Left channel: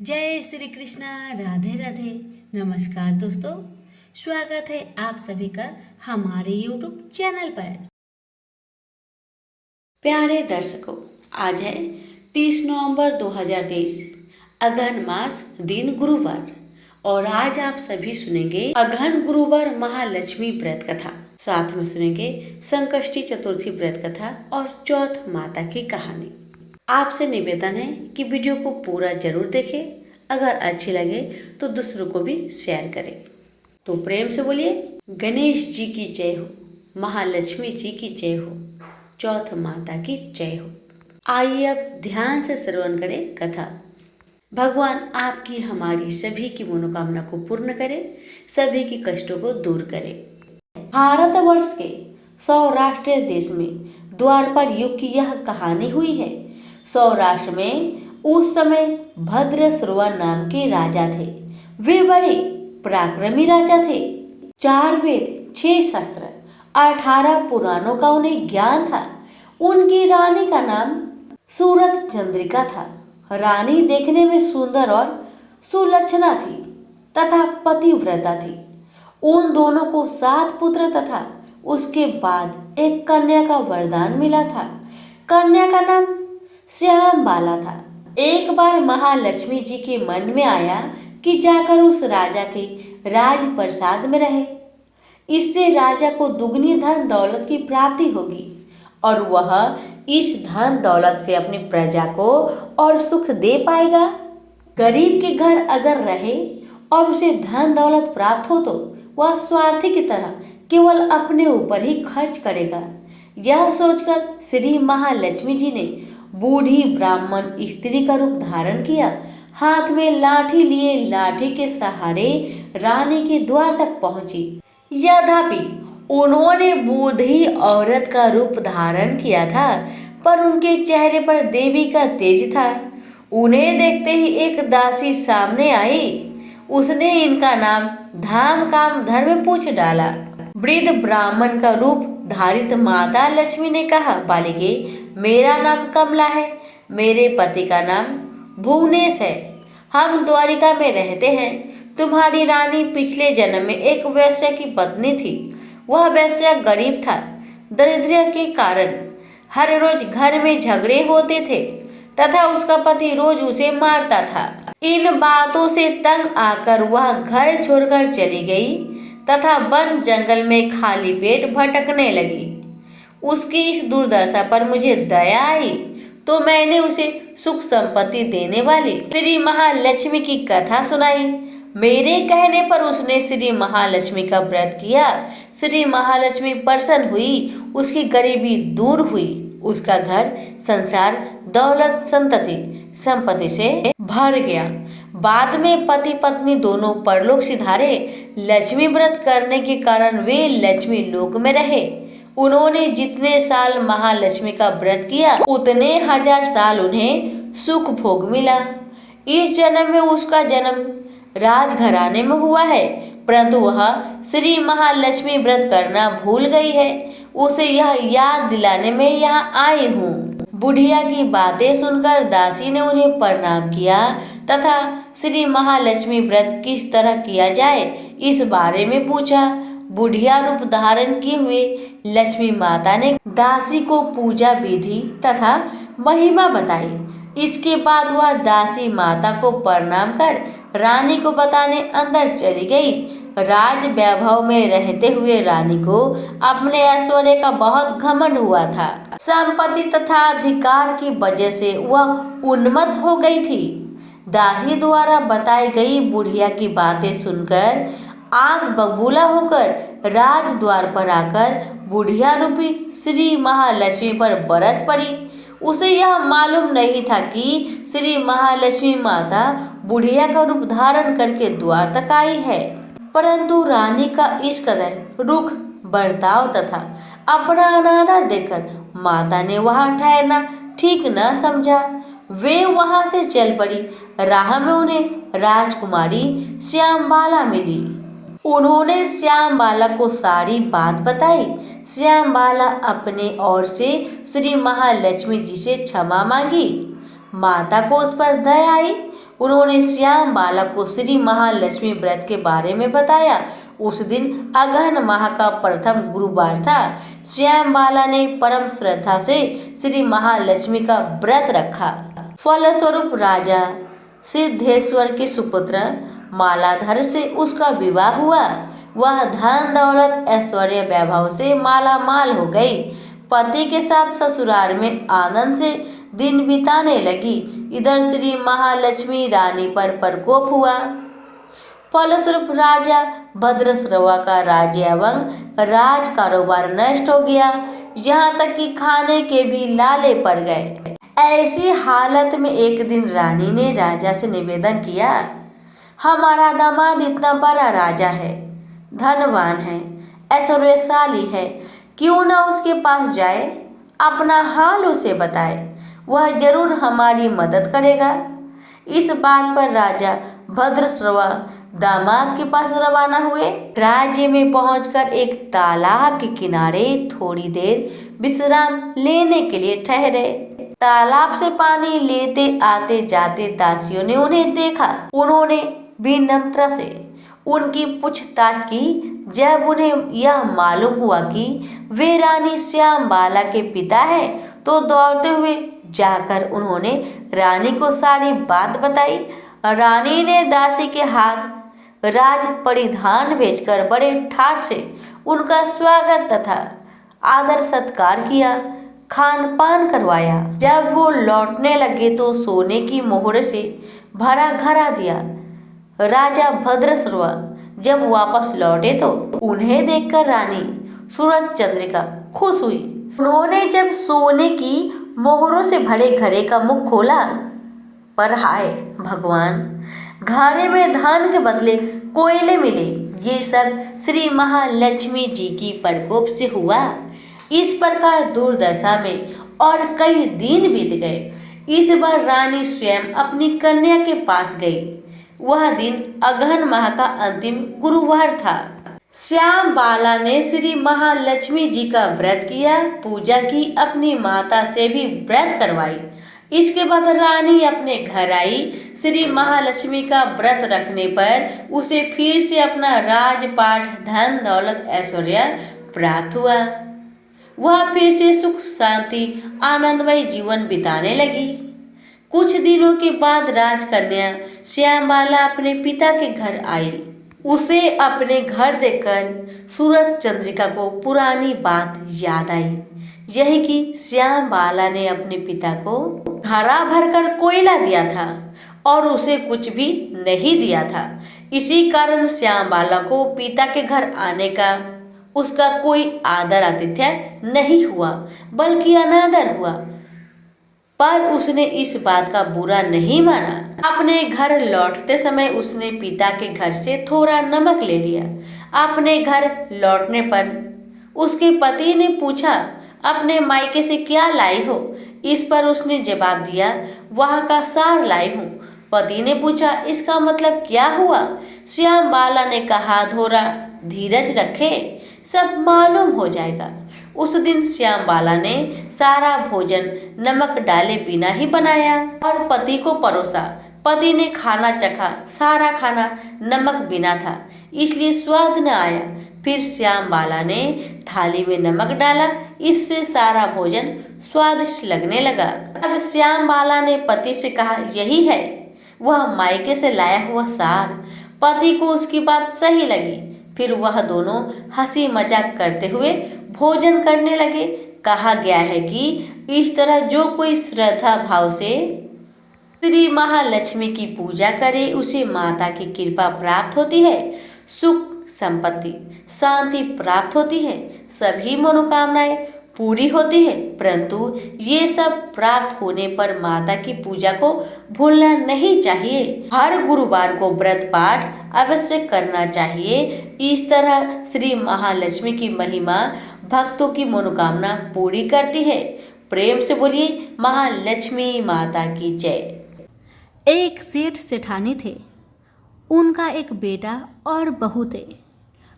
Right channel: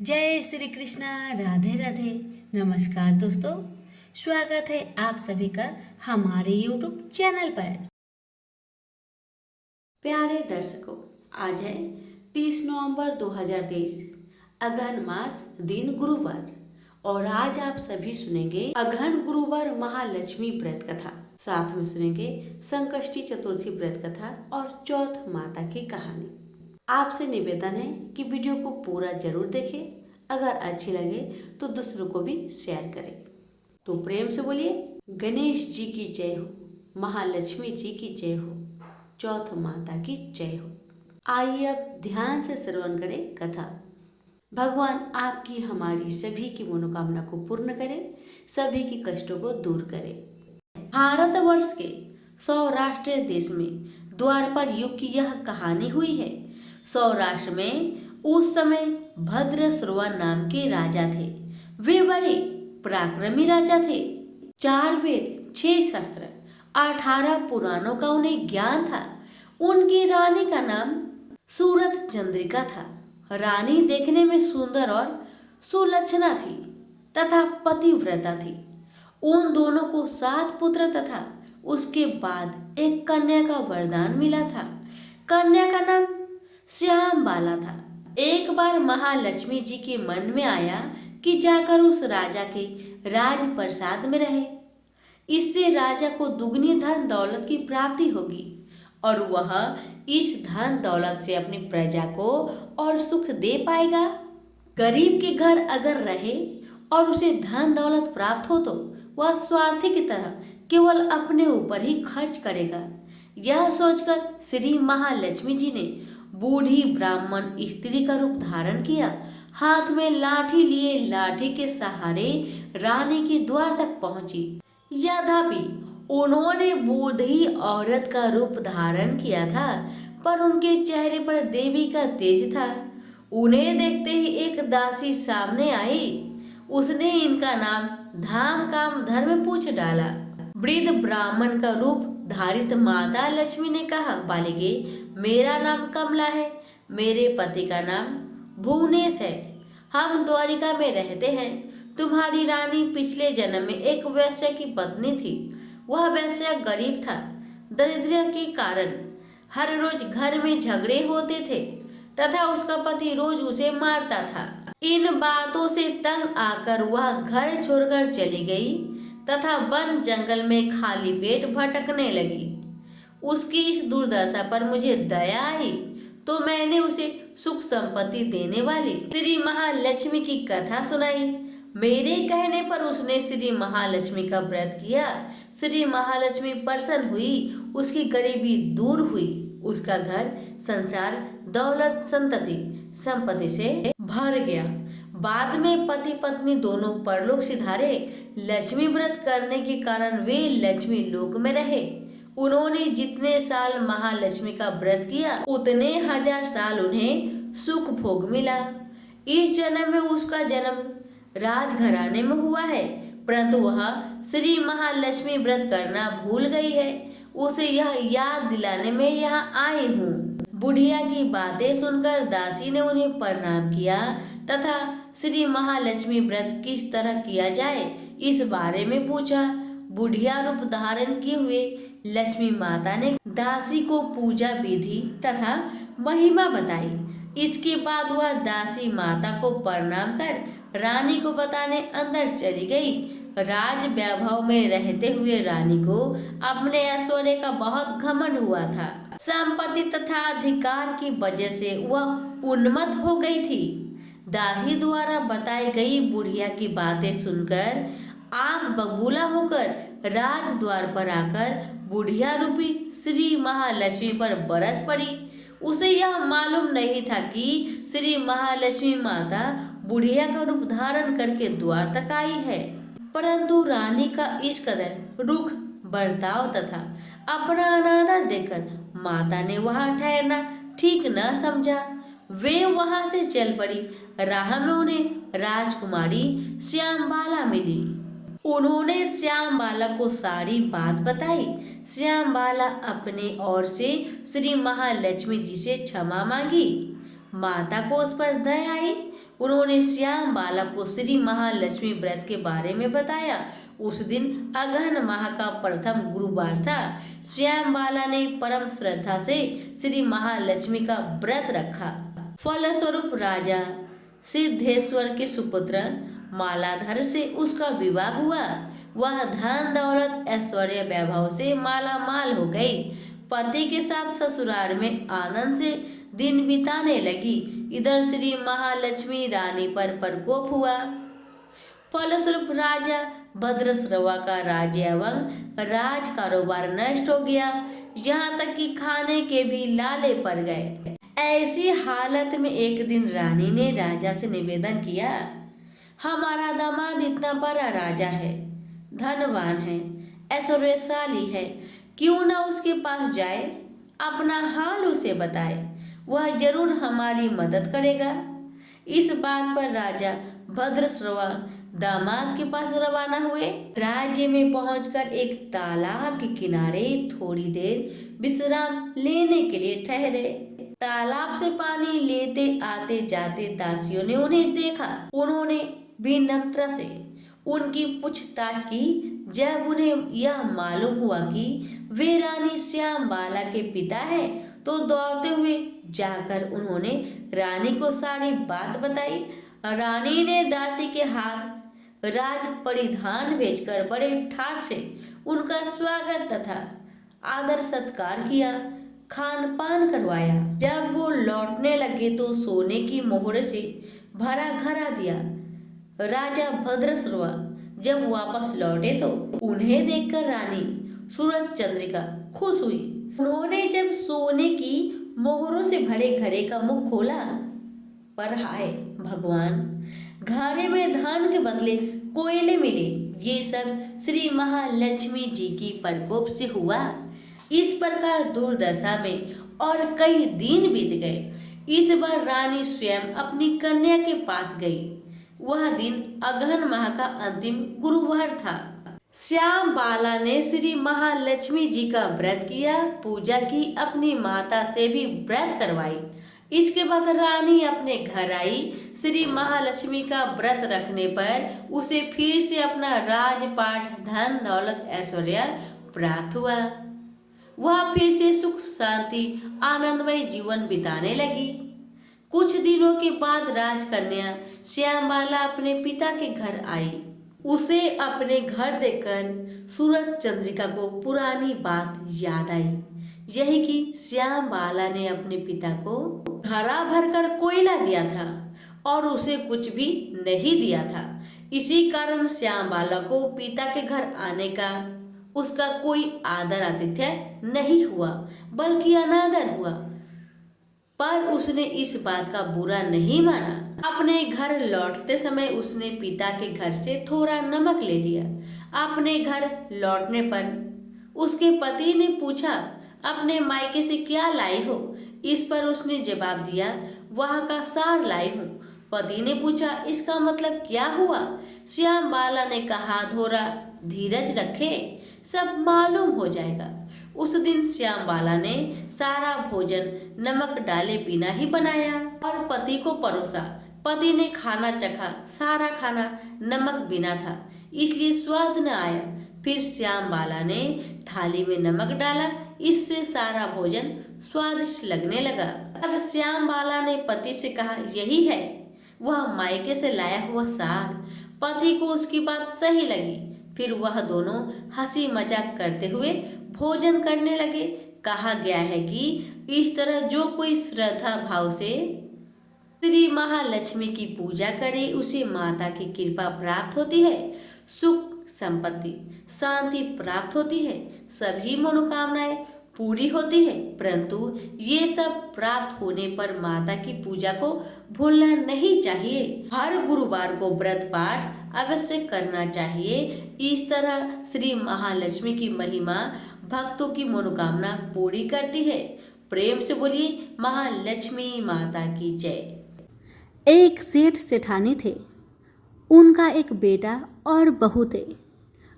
जय श्री कृष्णा। राधे राधे। नमस्कार दोस्तों, स्वागत है आप सभी का हमारे YouTube चैनल पर। प्यारे दर्शकों, आज है 30 नवंबर 2023, अगहन मास, दिन गुरुवार। और आज आप सभी सुनेंगे अगहन गुरुवार महालक्ष्मी व्रत कथा। साथ में सुनेंगे संकष्टी चतुर्थी व्रत कथा और चौथ माता की कहानी। आपसे निवेदन है कि वीडियो को पूरा जरूर देखें। अगर अच्छी लगे तो दूसरों को भी शेयर करें। तो प्रेम से बोलिए, गणेश जी की जय हो, महालक्ष्मी जी की जय हो, चौथ माता की जय हो। आइए अब ध्यान से श्रवण करें कथा। भगवान आपकी हमारी सभी की मनोकामना को पूर्ण करे, सभी की कष्टों को दूर करे। भारतवर्ष के सौराष्ट्र देश में द्वापर युग की यह कहानी हुई है। सौराष्ट्र में उस समय भद्रश्रवा नाम के राजा थे। वे बड़े पराक्रमी राजा थे। 4 वेद, 6 शस्त्र, 18 पुराणों का उन्हें ज्ञान था। उनकी रानी का नाम सूरत चंद्रिका था। रानी देखने में सुंदर और सुलक्षणा थी तथा पतिव्रता थी। उन दोनों को 7 पुत्र तथा उसके बाद एक कन्या का वरदान मिला था। कन्या का नाम श्यामबाला था। एक बार महालक्ष्मी जी के मन में आया कि जाकर उस राजा के राजप्रसाद में रहे। इससे राजा को दुगनी धन दौलत की प्राप्ति होगी और वह इस धन दौलत से अपनी प्रजा को और सुख दे पाएगा। गरीब के घर अगर रहे और उसे धन दौलत प्राप्त हो तो वह स्वार्थी की तरह केवल अपने ऊपर ही खर्च करेगा। यह सोचकर श्री महालक्ष्मी जी ने बूढ़ी ब्राह्मण स्त्री का रूप धारण किया। हाथ में लाठी लिए लाठी के सहारे रानी के द्वार तक पहुंची। यद्यपि उन्होंने बूढ़ी औरत का रूप धारण किया था, पर उनके चेहरे पर देवी का तेज था। उन्हें देखते ही एक दासी सामने आई। उसने इनका नाम धाम काम धर्म पूछ डाला। वृद्ध ब्राह्मण का रूप धारित माता लक्ष्मी ने कहा, बालिके, मेरा नाम कमला है। मेरे पति का नाम भुवनेश है। हम द्वारिका में रहते हैं। तुम्हारी रानी पिछले जन्म में एक वैश्य की पत्नी थी। वह वैश्य गरीब था। दरिद्र के कारण हर रोज घर में झगड़े होते थे तथा उसका पति रोज उसे मारता था। इन बातों से तंग आकर वह घर छोड़कर चली गई तथा वन जंगल में खाली पेट भटकने लगी। उसकी इस दुर्दशा पर मुझे दया आई तो मैंने उसे सुख संपत्ति देने वाली श्री महालक्ष्मी की कथा सुनाई। मेरे कहने पर उसने श्री महालक्ष्मी का व्रत किया। श्री महालक्ष्मी प्रसन्न हुई, उसकी गरीबी दूर हुई, उसका घर संसार दौलत संपत्ति से भर गया। बाद में पति पत्नी दोनों परलोक सिधारे। लक्ष्मी व्रत करने के कारण वे लक्ष्मी लोक में रहे। उन्होंने जितने साल महालक्ष्मी का व्रत किया उतने 1000 साल उन्हें सुख भोग मिला। इस जन्म में उसका जन्म राजघराने में हुआ है, परंतु वह श्री महालक्ष्मी व्रत करना भूल गई है। उसे यह याद दिलाने में यहाँ आई हूँ। बुढ़िया की बातें सुनकर दासी ने उन्हें प्रणाम किया तथा श्री महालक्ष्मी व्रत किस तरह किया जाए इस बारे में पूछा। बुढ़िया रूप धारण किए हुए लक्ष्मी माता ने दासी को पूजा विधि तथा महिमा बताई। इसके बाद वह दासी माता को प्रणाम कर रानी को बताने अंदर चली गई। राज वैभव में रहते हुए रानी को अपने ऐश्वर्य का बहुत घमंड हुआ था। संपत्ति तथा अधिकार की वजह से वह उन्मत्त हो गई थी। दासी द्वारा बताई गई बुढ़िया की बातें सुनकर आग बबूला होकर राज द्वार पर आकर बुढ़िया रूपी श्री महालक्ष्मी पर बरस पड़ी। उसे यह मालूम नहीं था कि श्री महालक्ष्मी माता बुढ़िया का रूप धारण करके द्वार तक आई है, परंतु रानी का इस कदर रुख बर्ताव तथा अपना अनादर देखकर माता ने वहां ठहरना ठीक न समझा। वे वहां से चल पड़ी। राह में उन्हें राजकुमारी श्यामबाला मिली। उन्होंने श्यामबाला को सारी बात बताई। श्यामबाला अपने ओर से श्री महालक्ष्मी जी से क्षमा मांगी। माता को उस पर दया आई। उन्होंने श्याम बाला को श्री महालक्ष्मी व्रत के बारे में बताया। उस दिन अगहन माह का प्रथम गुरुवार था। श्याम बाला ने परम श्रद्धा से श्री महालक्ष्मी का व्रत रखा। फलस्वरूप राजा सिद्धेश्वर के सुपुत्र मालाधर से उसका विवाह हुआ। वह धन दौलत ऐश्वर्य वैभव से माला माल हो गई। पति के साथ ससुराल में आनंद से दिन बिताने लगी। इधर श्री महालक्ष्मी रानी पर प्रकोप हुआ। फलस्वरूप राजा भद्रश्रवा का राज्य एवं राज कारोबार नष्ट हो गया। यहाँ तक कि खाने के भी लाले पड़ गए। ऐसी हालत में एक दिन रानी ने राजा से निवेदन किया, हमारा दामाद इतना बड़ा राजा है, धनवान है, ऐश्वर्यशाली है, क्यों ना उसके पास जाए, अपना हाल उसे बताए, वह जरूर हमारी मदद करेगा। इस बात पर राजा भद्रश्रवा दामाद के पास रवाना हुए। राज्य में पहुंचकर एक तालाब के किनारे थोड़ी देर विश्राम लेने के लिए ठहरे। तालाब से पानी लेते आते जाते दासियों ने उन्हें देखा। उन्होंने विनम्रता से उनकी पूछताछ की। जब उन्हें यह मालूम हुआ कि वे रानी श्याम बाला के पिता हैं, तो दौड़ते हुए जाकर उन्होंने रानी को सारी बात बताई। रानी ने दासी के हाथ राज परिधान भेजकर बड़े ठाट से उनका स्वागत तथा आदर सत्कार किया, खान पान करवाया। जब वो लौटने लगे तो सोने की मोहर से भरा घड़ा दिया। राजा भद्रश्रवा जब वापस लौटे तो उन्हें देखकर रानी सूरज चंद्रिका खुश हुई। उन्होंने जब सोने की मोहरों से भरे घड़े का मुख खोला, पर हाय भगवान, घड़े में धन के बदले कोयले मिले। ये सब श्री महालक्ष्मी जी की प्रकोप से हुआ। इस प्रकार दुर्दशा में और कई दिन बीत गए। इस बार रानी स्वयं अपनी कन्या के पास गई। वह दिन अगहन माह का अंतिम गुरुवार था। श्याम बाला ने श्री महालक्ष्मी जी का व्रत किया, पूजा की, अपनी माता से भी व्रत करवाई। इसके बाद रानी अपने घर आई। श्री महालक्ष्मी का व्रत रखने पर उसे फिर से अपना राजपाट, धन दौलत, ऐश्वर्य प्राप्त हुआ। वह फिर से सुख शांति आनंदमय जीवन बिताने लगी। कुछ दिनों के बाद राजकन्या श्यामबाला अपने पिता के घर आई। उसे अपने घर देखकर सूरज चंद्रिका को पुरानी बात याद आई, यही कि श्यामबाला ने अपने पिता को घड़ा भरकर कोयला दिया था और उसे कुछ भी नहीं दिया था। इसी कारण श्यामबाला को पिता के घर आने का उसका कोई आदर आतिथ्य नहीं हुआ, बल्कि अनादर हुआ। पर उसने इस बात का बुरा नहीं माना। अपने घर लौटते समय उसने पिता के घर से थोड़ा नमक ले लिया। अपने घर लौटने पर उसके पति ने पूछा, अपने मायके से क्या लाई हो? इस पर उसने जवाब दिया, वहाँ का सार लाई हूँ। पति ने पूछा, इसका मतलब क्या हुआ? श्यामबाला ने कहा, थोड़ा धीरज रखे, सब मालूम हो जाएगा। उस दिन श्यामबाला ने सारा भोजन नमक डाले बिना ही बनाया और पति को परोसा। पति ने खाना चखा, सारा खाना नमक बिना था, इसलिए स्वाद न आया। फिर श्यामबाला ने थाली में नमक डाला, इससे सारा भोजन स्वादिष्ट लगने लगा। अब श्यामबाला ने पति से कहा, यही है वह मायके से लाया हुआ सार। पति को उसकी बात सही लगी। फिर वह दोनों हंसी मजाक करते हुए भोजन करने लगे। कहा गया है कि इस तरह जो कोई श्रद्धा भाव से श्री महालक्ष्मी की पूजा करे, उसे माता की कृपा प्राप्त होती है, सुख संपत्ति शांति प्राप्त होती है, सभी मनोकामनाएं पूरी होती है। परंतु ये सब प्राप्त होने पर माता की पूजा को भूलना नहीं चाहिए। हर गुरुवार को व्रत पाठ अवश्य करना चाहिए। इस तरह श्री महालक्ष्मी की महिमा भक्तों की मनोकामना पूरी करती है। प्रेम से बोलिए महालक्ष्मी माता की जय। एक सेठ सेठानी थे। उनका एक बेटा और बहू थे।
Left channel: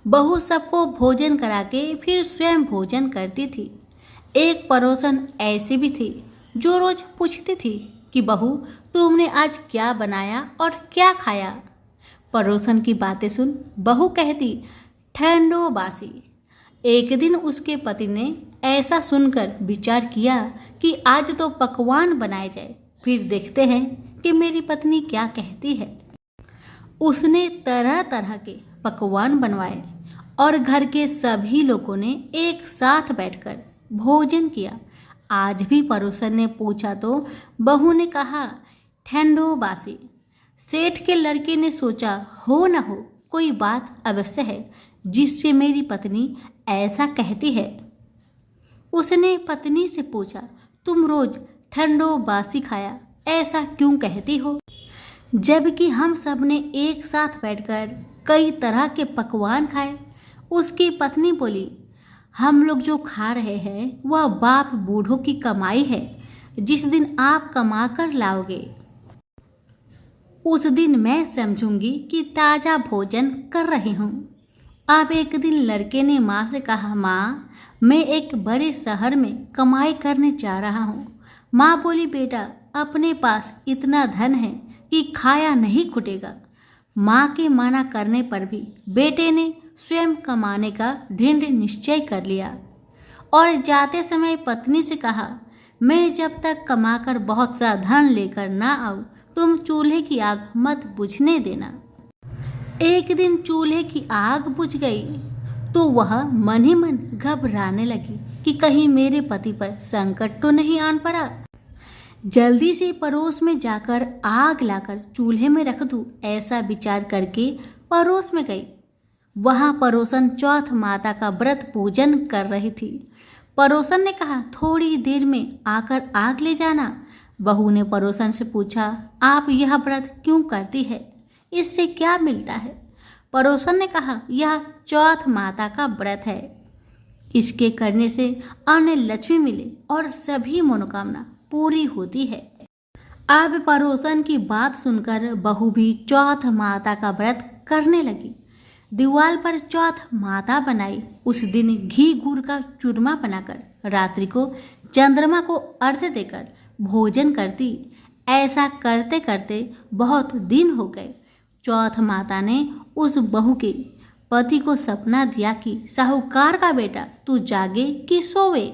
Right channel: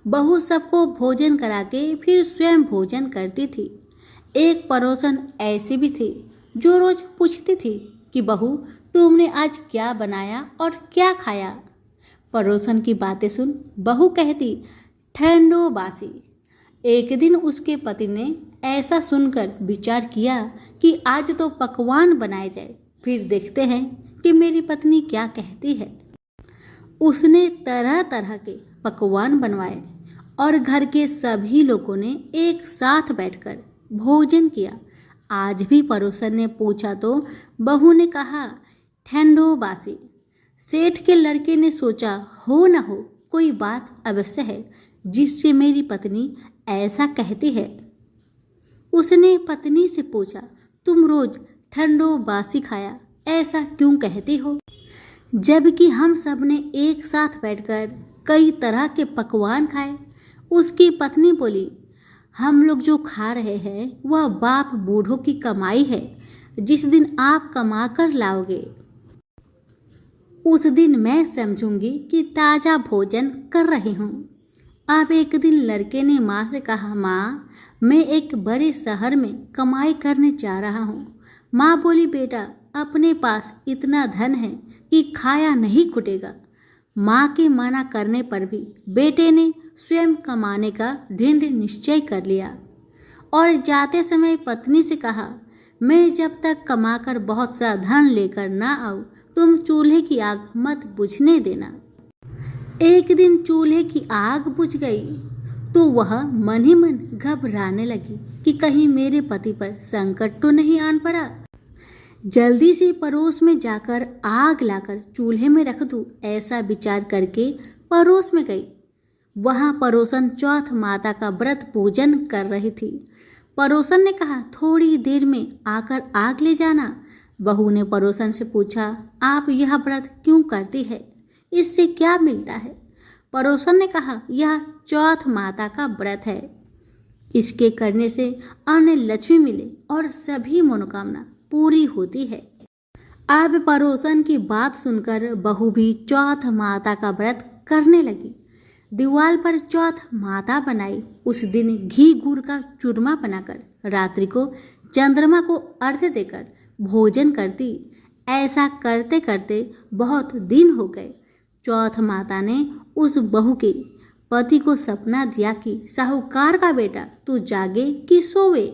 बहू सबको भोजन करा के फिर स्वयं भोजन करती थी। एक पड़ोसन ऐसी भी थी जो रोज पूछती थी कि बहू तुमने आज क्या बनाया और क्या खाया? पड़ोसन की बातें सुन बहू कहती, ठंडो बासी। एक दिन उसके पति ने ऐसा सुनकर विचार किया कि आज तो पकवान बनाए जाए, फिर देखते हैं कि मेरी पत्नी क्या कहती है। उसने तरह तरह के पकवान बनवाए और घर के सभी लोगों ने एक साथ बैठकर भोजन किया। आज भी पड़ोसन ने पूछा तो बहू ने कहा, ठंडो बासी। सेठ के लड़के ने सोचा, हो न हो कोई बात अवश्य है जिससे मेरी पत्नी ऐसा कहती है। उसने पत्नी से पूछा, तुम रोज ठंडो बासी खाया ऐसा क्यों कहती हो, जबकि हम सब ने एक साथ बैठकर कई तरह के पकवान खाए। उसकी पत्नी बोली, हम लोग जो खा रहे हैं वह बाप बूढ़ों की कमाई है। जिस दिन आप कमा कर लाओगे उस दिन मैं समझूंगी कि ताज़ा भोजन कर रही हूँ। अब एक दिन लड़के ने माँ से कहा, माँ मैं एक बड़े शहर में कमाई करने जा रहा हूँ। माँ बोली, बेटा अपने पास इतना धन है कि खाया नहीं खुटेगा। माँ के मना करने पर भी बेटे ने स्वयं कमाने का दृढ़ निश्चय कर लिया और जाते समय पत्नी से कहा, मैं जब तक कमाकर बहुत सा धन लेकर ना आऊँ तुम चूल्हे की आग मत बुझने देना। एक दिन चूल्हे की आग बुझ गई तो वह मन ही मन घबराने लगी कि कहीं मेरे पति पर संकट तो नहीं आन पड़ा। जल्दी से पड़ोस में जाकर आग लाकर चूल्हे में रख दूं, ऐसा विचार करके पड़ोस में गई। वहाँ पड़ोसन चौथ माता का व्रत पूजन कर रही थी। पड़ोसन ने कहा, थोड़ी देर में आकर आग ले जाना। बहू ने पड़ोसन से पूछा, आप यह व्रत क्यों करती है, इससे क्या मिलता है? पड़ोसन ने कहा, यह चौथ माता का व्रत है, इसके करने से अन्न लक्ष्मी मिले और सभी मनोकामना पूरी होती है। अब पड़ोसन की बात सुनकर बहू भी चौथ माता का व्रत करने लगी। दीवार पर चौथ माता बनाई। उस दिन घी गुड़ का चूरमा बनाकर रात्रि को चंद्रमा को अर्घ्य देकर भोजन करती। ऐसा करते करते बहुत दिन हो गए। चौथ माता ने उस बहू के पति को सपना दिया कि साहूकार का बेटा तू जागे कि सोवे,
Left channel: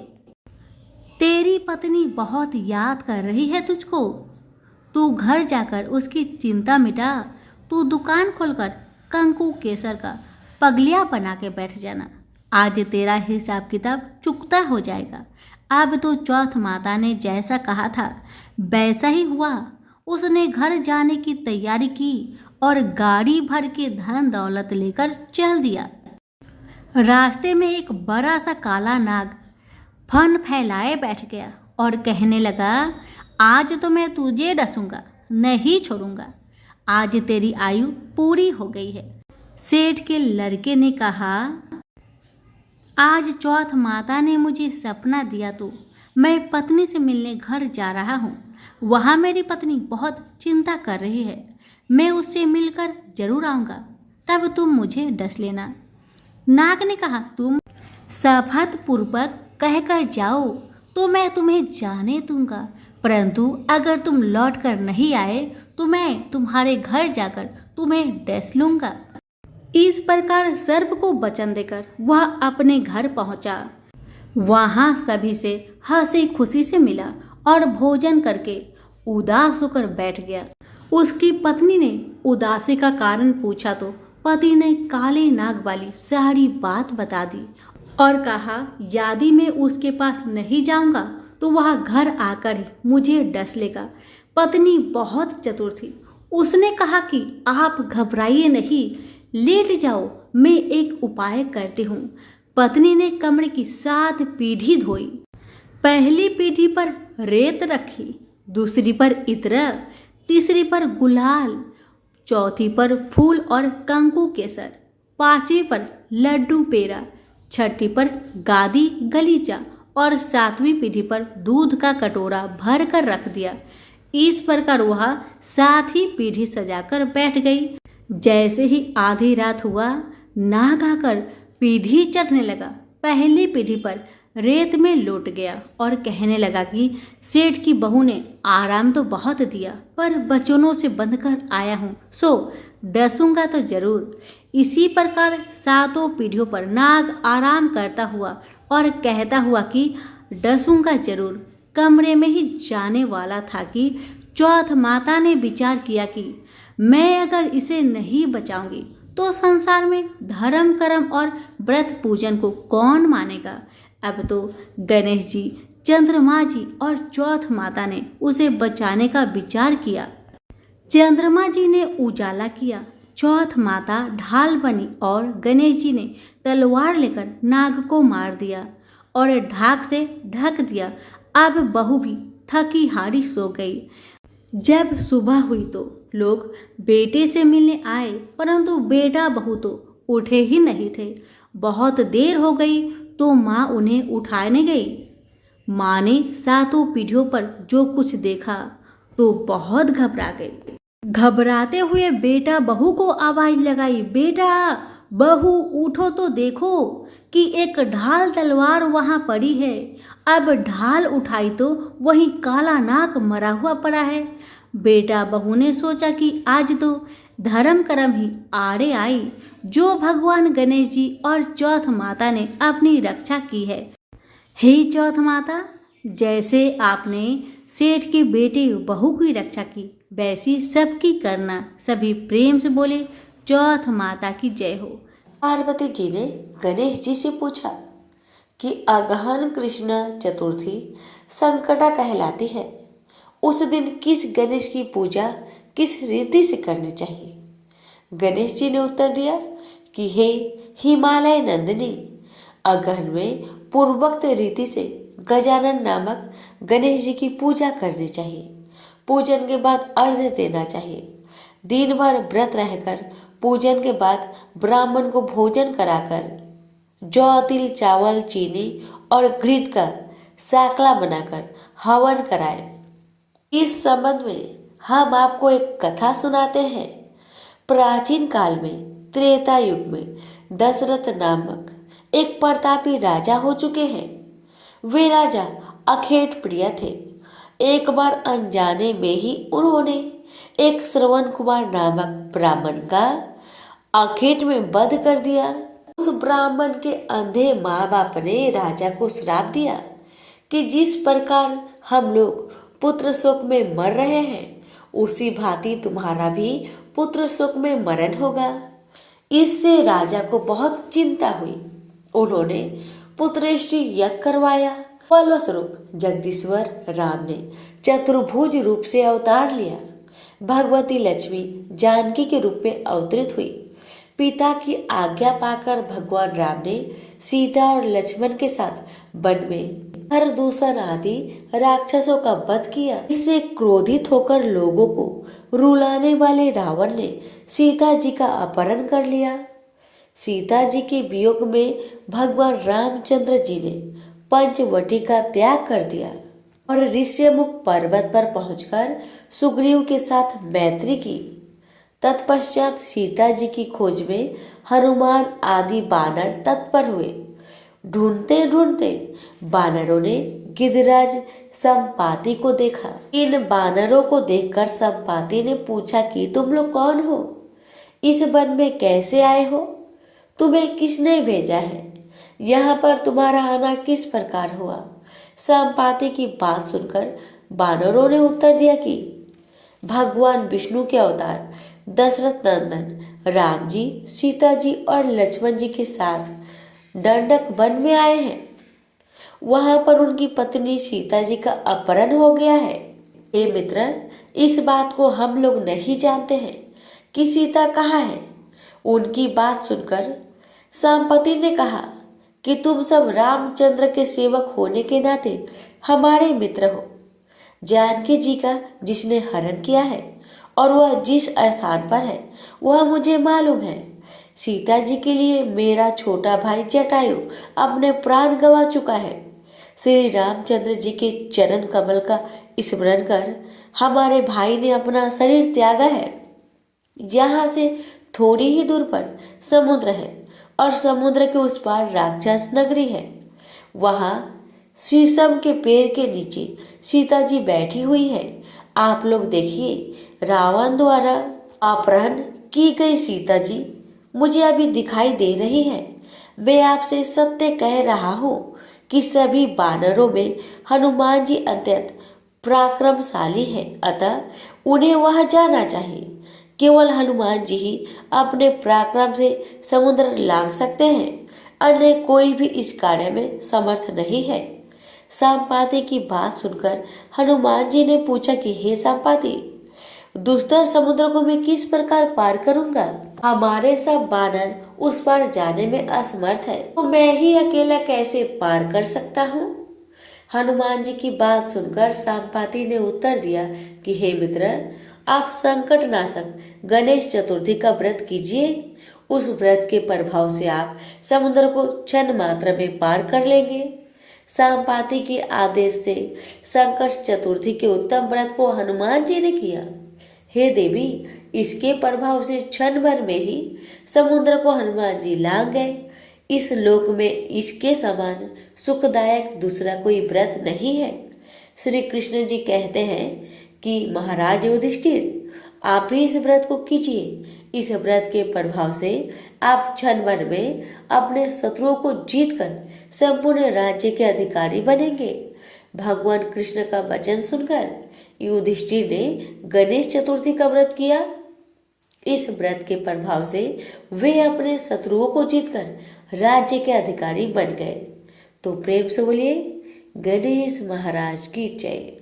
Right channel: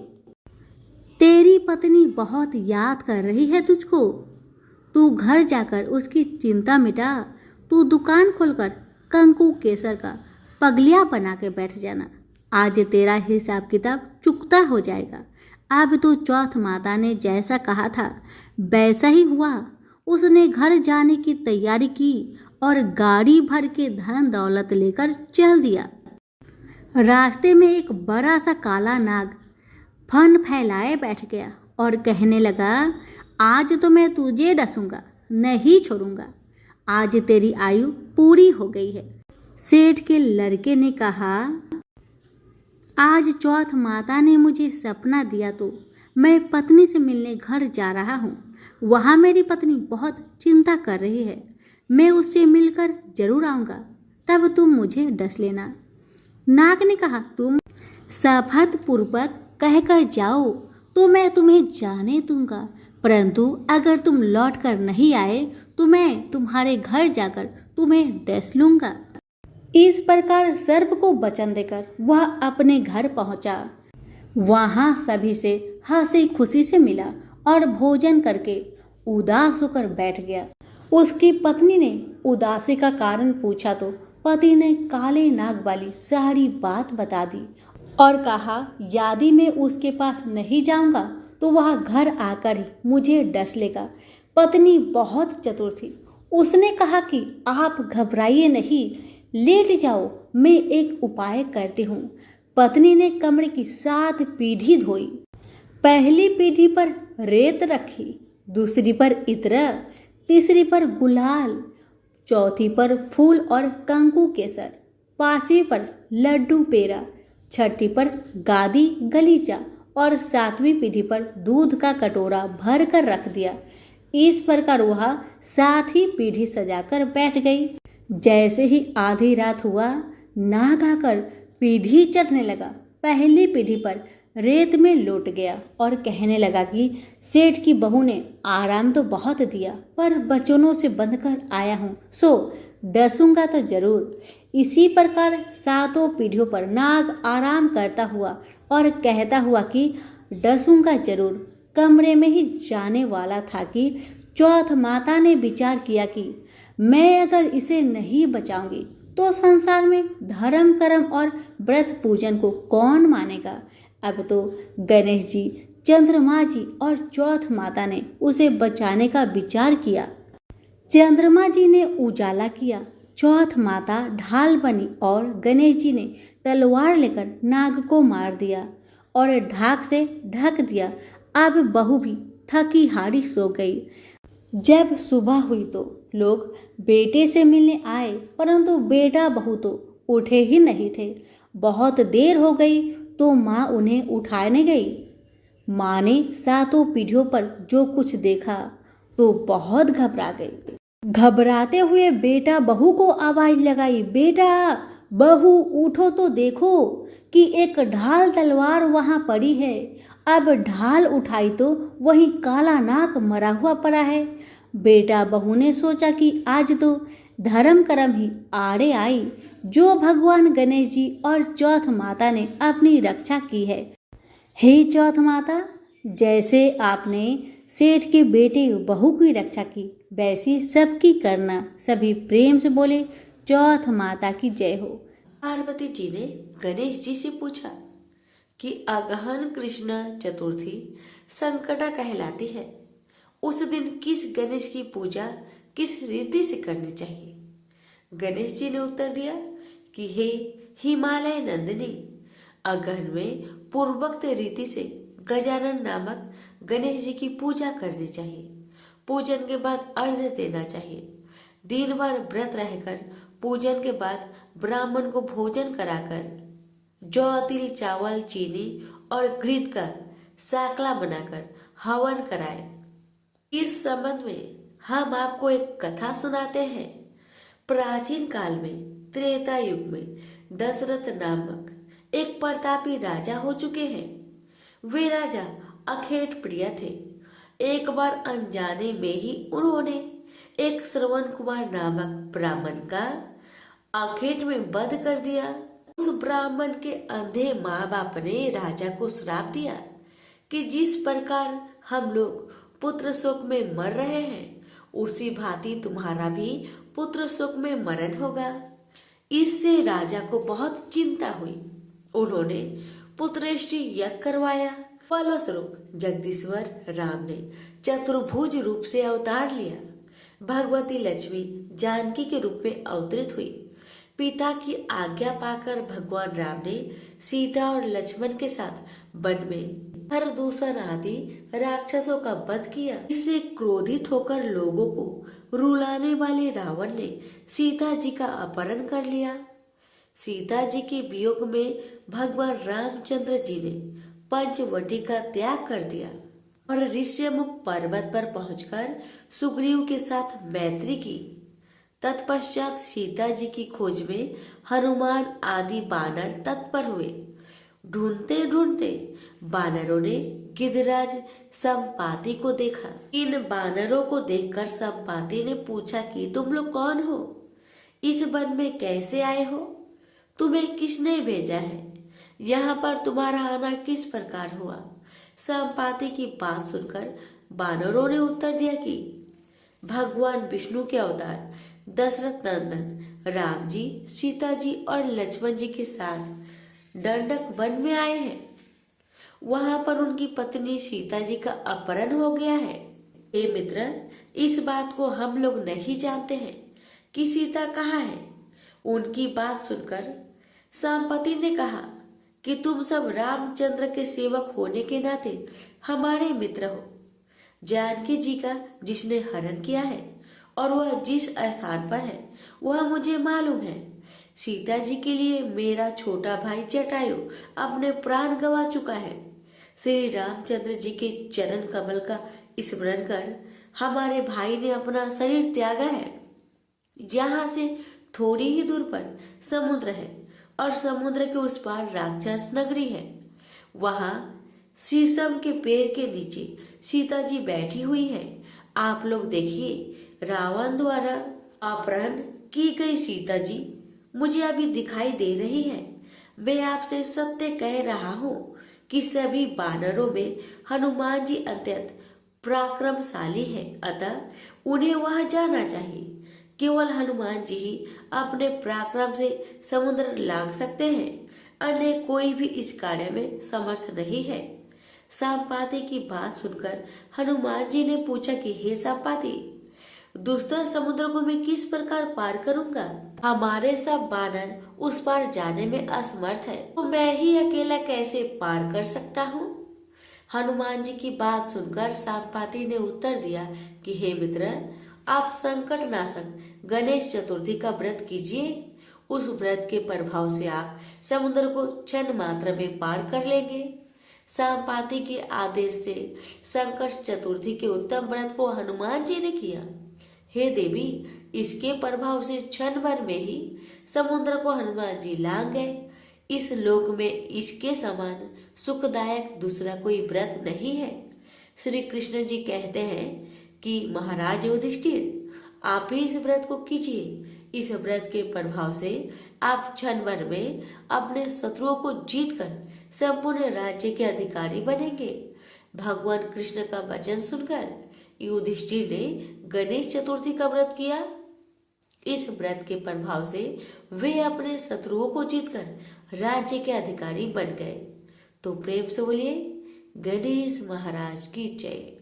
तेरी पत्नी बहुत याद कर रही है तुझको। तू घर जाकर उसकी चिंता मिटा। तू दुकान खोलकर कंकु केसर का पगलिया बना के बैठ जाना। आज तेरा हिसाब किताब चुकता हो जाएगा। अब तो चौथ माता ने जैसा कहा था वैसा ही हुआ। उसने घर जाने की तैयारी की और गाड़ी भर के धन दौलत लेकर चल दिया। रास्ते में एक बड़ा सा काला नाग फन फैलाए बैठ गया और कहने लगा, आज तो मैं तुझे डसूंगा, नहीं छोड़ूंगा। आज तेरी आयु पूरी हो गई है। सेठ के लड़के ने कहा, आज चौथ माता ने मुझे सपना दिया तो मैं पत्नी से मिलने घर जा रहा हूँ। वहाँ मेरी पत्नी बहुत चिंता कर रही है। मैं उससे मिलकर जरूर आऊँगा, तब तुम मुझे डस लेना। नाग ने कहा, तुम शपथपूर्वक कहकर जाओ तो मैं तुम्हें जाने दूंगा, परंतु अगर तुम लौट कर नहीं आए तो मैं तुम्हारे घर जाकर तुम्हें डस लूंगा। इस प्रकार सर्प को वचन देकर वह अपने घर पहुंचा। वहां सभी से हंसी खुशी से मिला और भोजन करके उदास होकर बैठ गया। उसकी पत्नी ने उदासी का कारण पूछा तो पति ने काले नाग वाली सारी बात बता दी और कहा, यदि मैं उसके पास नहीं जाऊंगा तो वह घर आकर ही मुझे डस लेगा। पत्नी बहुत चतुर थी। उसने कहा कि आप घबराइए नहीं, लेट जाओ, मैं एक उपाय करती हूँ। पत्नी ने कमरे की 7 पीढ़ी धोई। पहली पीढ़ी पर रेत रखी, दूसरी पर इत्र, तीसरी पर गुलाल, चौथी पर फूल और कंकु केसर, 5वीं पर लड्डू पेड़ा, 6ठी पर गादी गलीचा और 7वीं पीढ़ी पर दूध का कटोरा भर कर रख दिया। इस प्रकार वह 7 ही पीढ़ी सजाकर बैठ गई। जैसे ही आधी रात हुआ, नाग आकर पीढ़ी चढ़ने लगा। पहली पीढ़ी पर रेत में लौट गया और कहने लगा कि सेठ की बहू ने आराम तो बहुत दिया, पर बचनों से बंध कर आया हूँ, सो डसूंगा तो जरूर। इसी प्रकार सातों पीढ़ियों पर नाग आराम करता हुआ और कहता हुआ कि डसूंगा जरूर कमरे में ही जाने वाला था कि चौथ माता ने विचार किया कि मैं अगर इसे नहीं बचाऊंगी तो संसार में धर्म कर्म और व्रत पूजन को कौन मानेगा। अब तो गणेश जी, चंद्रमा जी और चौथ माता ने उसे बचाने का विचार किया। चंद्रमा जी ने उजाला किया, चौथ माता ढाल बनी और गणेश जी ने तलवार लेकर नाग को मार दिया और ढाक से ढक दिया। अब बहू भी थकी हारी सो गई। जब सुबह हुई तो लोग बेटे से मिलने आए, परंतु बेटा बहू तो उठे ही नहीं थे। बहुत देर हो गई तो माँ उन्हें उठाने गई। माँ ने सातों पीढ़ियों पर जो कुछ देखा तो बहुत घबरा गई। घबराते हुए बेटा बहू को आवाज लगाई, बेटा बहू उठो तो देखो कि एक ढाल तलवार वहां पड़ी है। अब ढाल उठाई तो वहीं काला नाग मरा हुआ पड़ा है। बेटा बहू ने सोचा कि आज तो धर्म कर्म ही आड़े आई, जो भगवान गणेश जी और चौथ माता ने अपनी रक्षा की है। हे चौथ माता, जैसे आपने सेठ के बेटे बहू की रक्षा की, वैसी सबकी करना। सभी प्रेम से बोले, चौथ माता की जय हो। पार्वती जी ने गणेश जी से पूछा कि अगहन कृष्ण चतुर्थी संकटा कहलाती है, उस दिन किस गणेश की पूजा किस रीति से करनी चाहिए। गणेश जी ने उत्तर दिया कि हे हिमालय नंदिनी, अगहन में पूर्वोक्त रीति से गजानन नामक गणेश जी की पूजा करनी चाहिए। पूजन के बाद अर्घ्य देना चाहिए। दिन भर व्रत रहकर पूजन के बाद ब्राह्मण को भोजन कराकर जौ तिल चावल चीनी और घृत का साकला बनाकर हवन कराए। इस संबंध में हम आपको एक कथा सुनाते हैं। प्राचीन काल में त्रेता युग में दशरथ नामक एक प्रतापी राजा हो चुके हैं। वे राजा अखेट प्रिय थे। एक बार अनजाने में ही उन्होंने एक श्रवण कुमार नामक ब्राह्मण का अखेट में वध कर दिया। उस ब्राह्मण के अंधे माँ बाप ने राजा को श्राप दिया कि जिस प्रकार हम लोग पुत्र शोक में मर रहे हैं, उसी भांति तुम्हारा भी पुत्र शोक में मरण होगा। इससे राजा को बहुत चिंता हुई। उन्होंने पुत्रेष्टि यज्ञ करवाया। फलस्वरूप जगदीश्वर राम ने चतुर्भुज रूप से अवतार लिया। भगवती लक्ष्मी जानकी के रूप में अवतरित हुई। पिता की आज्ञा पाकर भगवान राम ने सीता और लक्ष्मण के साथ वन में खरदूषण आदि राक्षसों का वध किया। इससे क्रोधित होकर लोगों को रुलाने वाले रावण ने सीता जी का अपहरण कर लिया। सीता जी के वियोग में भगवान रामचंद्र जी ने पंचवटी का त्याग कर दिया और ऋष्यमुख पर्वत पर पहुंचकर सुग्रीव के साथ मैत्री की। तत्पश्चात सीता जी की खोज में हनुमान आदि बानर तत्पर हुए। ढूंढते ढूंढते बानरों ने गिरिराज संपाति को देखा। इन बानरों को देखकर संपाति ने पूछा कि तुम लोग कौन हो? इस वन में कैसे आए हो? तुम्हें किसने भेजा है? यहाँ पर तुम्हारा आना किस प्रकार हुआ? संपाति की बात सुनकर बानरों ने उत्तर दिया कि भगवान विष्णु के अवतार दशरथ नंदन राम जी, सीता जी और लक्ष्मण जी के साथ दंडक वन में आए हैं। वहां पर उनकी पत्नी सीता जी का अपहरण हो गया है। हे मित्र, इस बात को हम लोग नहीं जानते हैं कि सीता कहाँ है। उनकी बात सुनकर संपति ने कहा कि तुम सब रामचंद्र के सेवक होने के नाते हमारे मित्र हो। जानकी जी का जिसने हरण किया है और वह जिस स्थान पर है वह मुझे मालूम है। सीता जी के लिए मेरा छोटा भाई जटायु अपने प्राण गंवा चुका है। श्री रामचंद्र जी के चरण कमल का स्मरण कर हमारे भाई ने अपना शरीर त्यागा है। यहाँ से थोड़ी ही दूर पर समुद्र है और समुद्र के उस पार राक्षस नगरी है। वहाँ शीशम के पेड़ के नीचे सीता जी बैठी हुई है। आप लोग देखिए, रावण द्वारा अपहरण की गई सीता जी मुझे अभी दिखाई दे रही है। मैं आपसे सत्य कह रहा हूँ कि सभी वानरों में हनुमान जी अत्यंत पराक्रमशाली है, अतः उन्हें वहां जाना चाहिए। केवल हनुमान जी ही अपने पराक्रम से समुद्र लांघ सकते हैं, अन्य कोई भी इस कार्य में समर्थ नहीं है। संपाति की बात सुनकर हनुमान जी ने पूछा कि हे संपाति, दुस्तर समुद्र को मैं किस प्रकार पार करूंगा? हमारे सब वानर उस पार जाने में असमर्थ है, तो मैं ही अकेला कैसे पार कर सकता हूँ? हनुमान जी की बात सुनकर संपाति ने उत्तर दिया कि हे मित्र, आप संकट नाशक गणेश चतुर्थी का व्रत कीजिए। उस व्रत के प्रभाव से आप समुद्र को क्षण मात्र में पार कर लेंगे। संपाति के आदेश से संकट चतुर्थी के उत्तम व्रत को हनुमान जी ने किया। हे देवी, इसके प्रभाव से क्षण भर में ही समुद्र को हनुमान जी लांघ गए। इस लोक में इसके समान सुखदायक दूसरा कोई व्रत नहीं है। श्री कृष्ण जी कहते हैं कि महाराज युधिष्ठिर, आप ही इस व्रत को कीजिए। इस व्रत के प्रभाव से आप क्षण भर में अपने शत्रुओं को जीतकर संपूर्ण राज्य के अधिकारी बनेंगे। भगवान कृष्ण का वचन सुनकर युधिष्ठिर ने गणेश चतुर्थी का व्रत किया। इस व्रत के प्रभाव से वे अपने शत्रुओं को जीतकर राज्य के अधिकारी बन गए। तो प्रेम से बोलिए, गणेश महाराज की जय।